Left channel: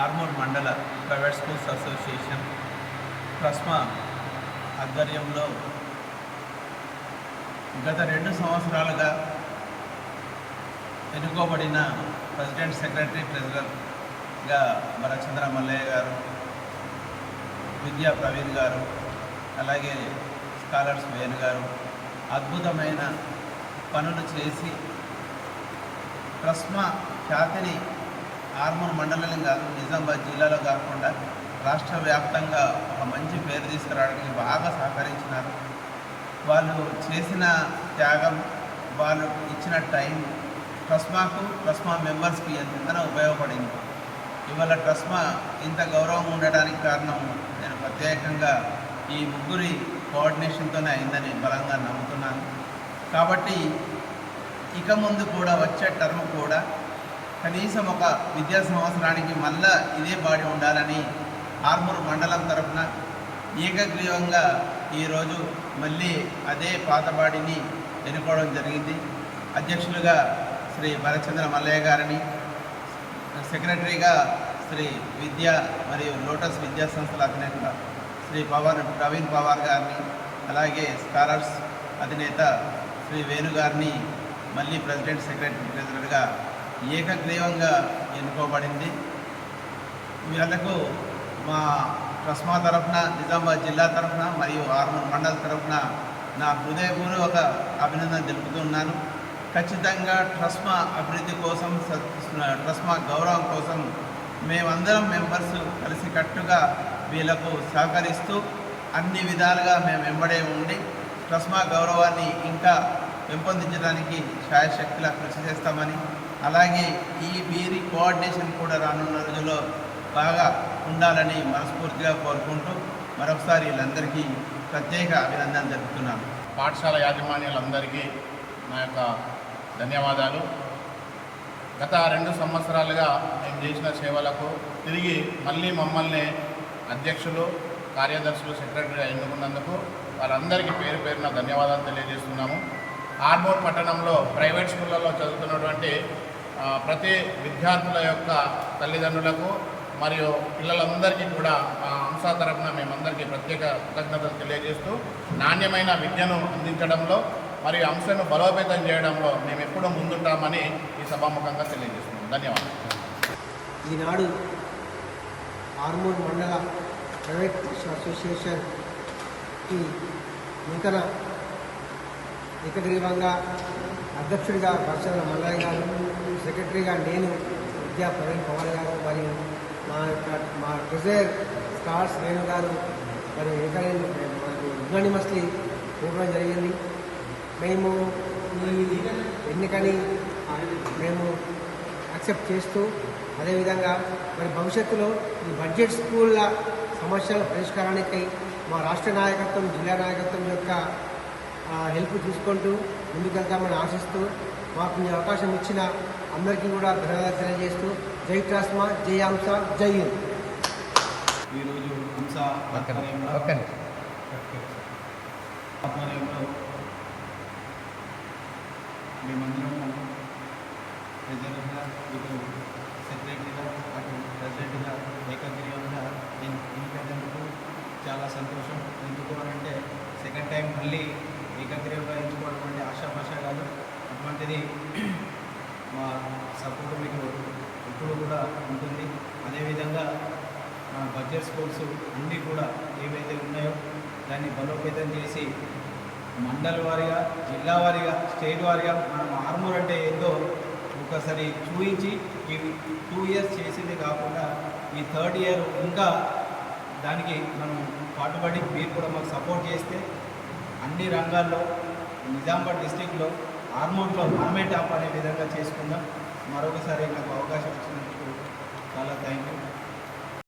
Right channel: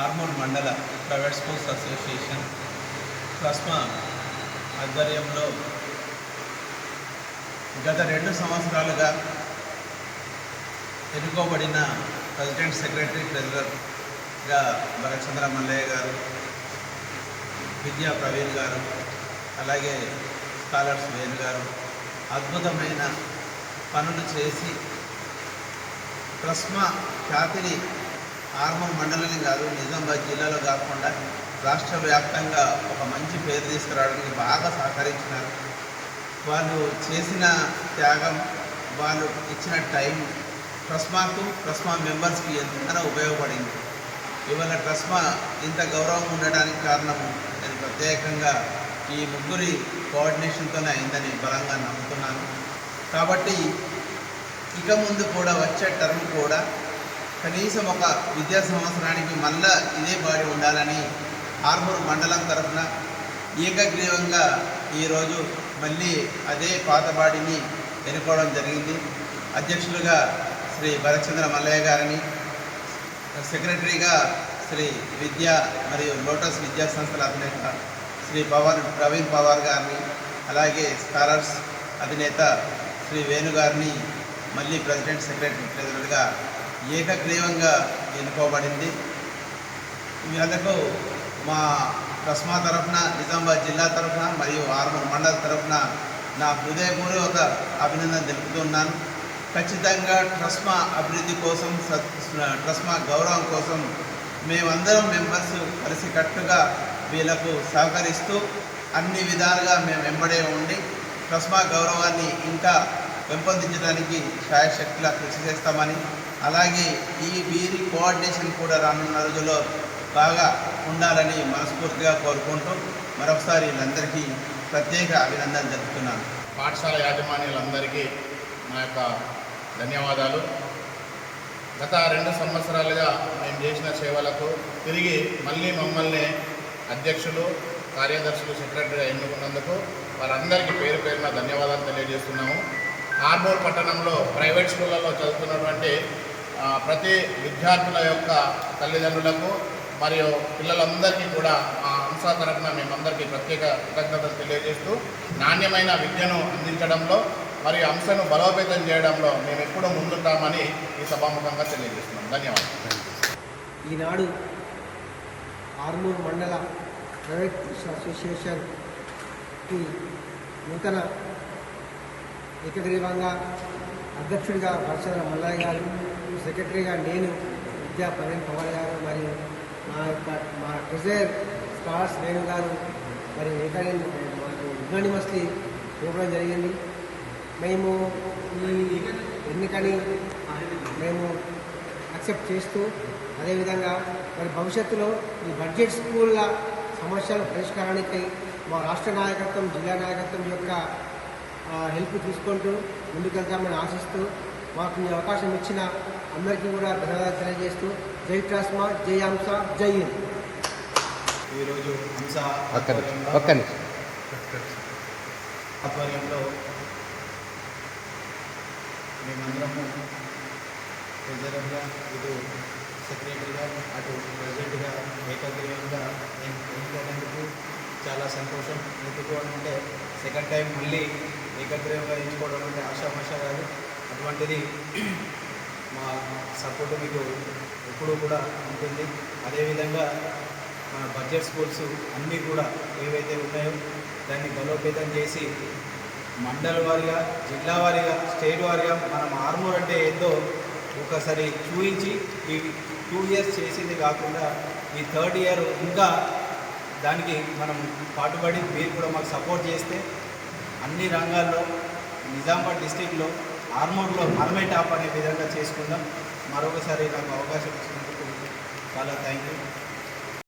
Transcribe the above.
ఆర్మూర్ మండల private schools association TRSMA ఆధ్వర్యంలో గత 2 సంవత్సరాలుగా ఎన్నుకోబడిన ప్రెసిడెంట్, సెక్రటరీ, ట్రెజరర్గా భరత్చంద్ర మల్లయ్య గారు, విద్యా ప్రవీణ్ గారు, అలాగే స్కాలర్స్ వేణు గారు అద్భుతమైన పనులు చేసి ట్రస్మా ఖ్యాతిని ఆర్మూర్ మండలం కాదు, నిజామాబాద్ జిల్లాలో కాకుండా రాష్ట్ర వ్యాప్తంగా ఒక మంచి పేరు తీసుకురావడానికి బాగా సహకరించినారు. వాళ్ళు చేసిన త్యాగం, వాళ్ళు ఇచ్చిన టైం ట్రస్మాకు, ట్రస్మా మెంబర్స్కి ఎంతగానో ఉపయోగపడింది. ఇవాళ ట్రస్మా ఇంత గౌరవం ఉండడానికి కారణము నేను ప్రత్యేకంగా ఈ ముగ్గురి కోఆర్డినేషన్తోనే అయిందని బలంగా నమ్ముతున్నాను. కాబట్టి ఇక ముందు కూడా వచ్చే టర్మ్ కూడా కనీసం ఒక విద్యా సంవత్సరానికి మళ్ళా ఇదే బాడీ ఉండాలని ఆర్మూర్ మండలం తరఫున ఏకగ్రీవంగా ఈరోజు మళ్ళీ అదే పాత బాడీని ఎన్నుకోవడం జరిగింది. అధ్యక్షులుగా శ్రీ భరత్చంద్ర మల్లయ్య గారిని, సెక్రటరీగా శ్రీ విద్యా మరియు లోటస్ విద్యా సంస్థల అధినేత శ్రీ ప్రవీణ్ పవార్ గారిని, అలాగే స్కాలర్స్ అధినేత శ్రీ వేణు గారిని మళ్ళీ ప్రెసిడెంట్, సెక్రటరీ, ట్రెజరర్గా ఏకగ్రీవంగా ఎన్నుకోబడింది. వీళ్ళకు మా ట్రస్మా తరఫున, నిజామాబాద్ జిల్లా తరఫున మరియు ఆర్మూర్ మండల తరఫున నా హృదయపూర్వక అభినందన తెలుపుతున్నాను. ఖచ్చితంగా ట్రస్మా అభివృద్ధి కోసం, ట్రస్మా గౌరవం కోసం మేమందరం మెంబర్స్ కలిసికట్టుగా వీళ్ళకు సహకరిస్తూ అన్ని విధాలుగా మేము వెంబడే ఉండి ట్రస్మా గౌరవాన్ని ఇంకా పెంపొందించడానికి శాయశక్తిలా కృషి చేస్తామని, అలాగే ఈ వీరి కోఆర్డినేషన్ కూడా రానున్న రోజుల్లో బాగా ఉండాలని మనస్ఫూర్తిగా కోరుకుంటూ మరొకసారి వీళ్ళందరికీ ప్రత్యేక అభినందనలు తెలుపుతున్నాను. పాఠశాల యాజమాన్యాలందరికీ నా యొక్క ధన్యవాదాలు. గత 2 సంవత్సరాలుగా మేము చేసిన సేవలకు తిరిగి మళ్ళీ మమ్మల్ని అధ్యక్షులు, కార్యదర్శులు, సెక్రటరీగా ఎన్నుకున్నందుకు వారందరికీ పేరు పేరున ధన్యవాదాలు తెలియజేస్తున్నాము. ఆర్మూర్ పట్టణంలో ప్రైవేట్ స్కూళ్ళల్లో చదువుతున్నటువంటి ప్రతి విద్యార్థుల యొక్క తల్లిదండ్రులకు మరియు పిల్లలందరికీ కూడా మా హంస తరఫున మేమందరికీ ప్రత్యేక కృతజ్ఞతలు తెలియజేస్తూ నాణ్యమైన విద్యను అందించడంలో మరియు హంసను బలోపేతం చేయడంలో మేము ఎప్పుడూ ముందుంటామని ఈ సభాముఖంగా తెలియజేస్తున్నాం. ధన్యవాదాలు. ఈనాడు ఆర్మూర్ మండల ప్రైవేట్ అసోసియేషన్కి నూతన ఏకగ్రీవంగా అధ్యక్షుడిగా భరత్చంద్ర మల్లయ్య గారు, సెక్రటరీగా నేను, విద్యా ప్రవీణ్ పవార్ గారు మరియు మా ట్రెజరర్ స్కాలర్స్ వేణు గారు మరి మాకు యునానిమస్లీ ఇవ్వడం జరిగింది. మేము ఈ ఎన్నికని మేము యాక్సెప్ట్ చేస్తూ అదేవిధంగా మరి భవిష్యత్తులో ఈ బడ్జెట్ స్కూళ్ళ సమస్యల పరిష్కారానికి మా రాష్ట్ర నాయకత్వం, జిల్లా నాయకత్వం యొక్క హెల్ప్ తీసుకుంటూ ముందుకెళ్తామని ఆశిస్తూ మాకు ఈ అవకాశం ఇచ్చిన అందరికీ కూడా ధన్యవాదాలు తెలియజేస్తూ జై ట్రస్మా, జై హంస, జై హింద్. ఈరోజు హంస ఆధ్వర్యంలో మేమందరము ట్రెజరర్గా, ఇటు సెక్రటరీగా, అటు ప్రెసిడెంట్గా ఏకగ్రీవంగా ఎన్నికైనందుకు చాలా సంతోషం. ఎందుకు అని అంటే సెకండ్ టైం మళ్ళీ ఏకగ్రీవంగా ఎంచుకోవడం అంటే ఆషామాషా కాదు. అటువంటిది మా సపోర్టు మీకు ఎప్పుడూ కూడా ఉంటుంది. అదేవిధంగా మన బడ్జెట్ స్కూల్స్ అన్నీ కూడా ఏవైతే ఉన్నాయో దాన్ని బలోపేతం చేసి మండల వారీగా, జిల్లా వారీగా, స్టేట్ వారీగా మనం ఆర్మూర్ అంటే ఏందో ఒకసారి చూపించి ఈ 2 ఇయర్స్ చేసింది కాకుండా ఈ 3rd ఇయర్ ఇంకా దానికి మనం పాటుపడి మీరు కూడా మాకు సపోర్ట్ చేస్తే అన్ని రంగాల్లో నిజామాబాద్ డిస్టిక్లో ఆర్మూర్లో మనమే టాప్ అనే విధంగా చేసుకుందాం. మరొకసారి నాకు అవకాశం ఇచ్చినందుకు చాలా థ్యాంక్ యూ.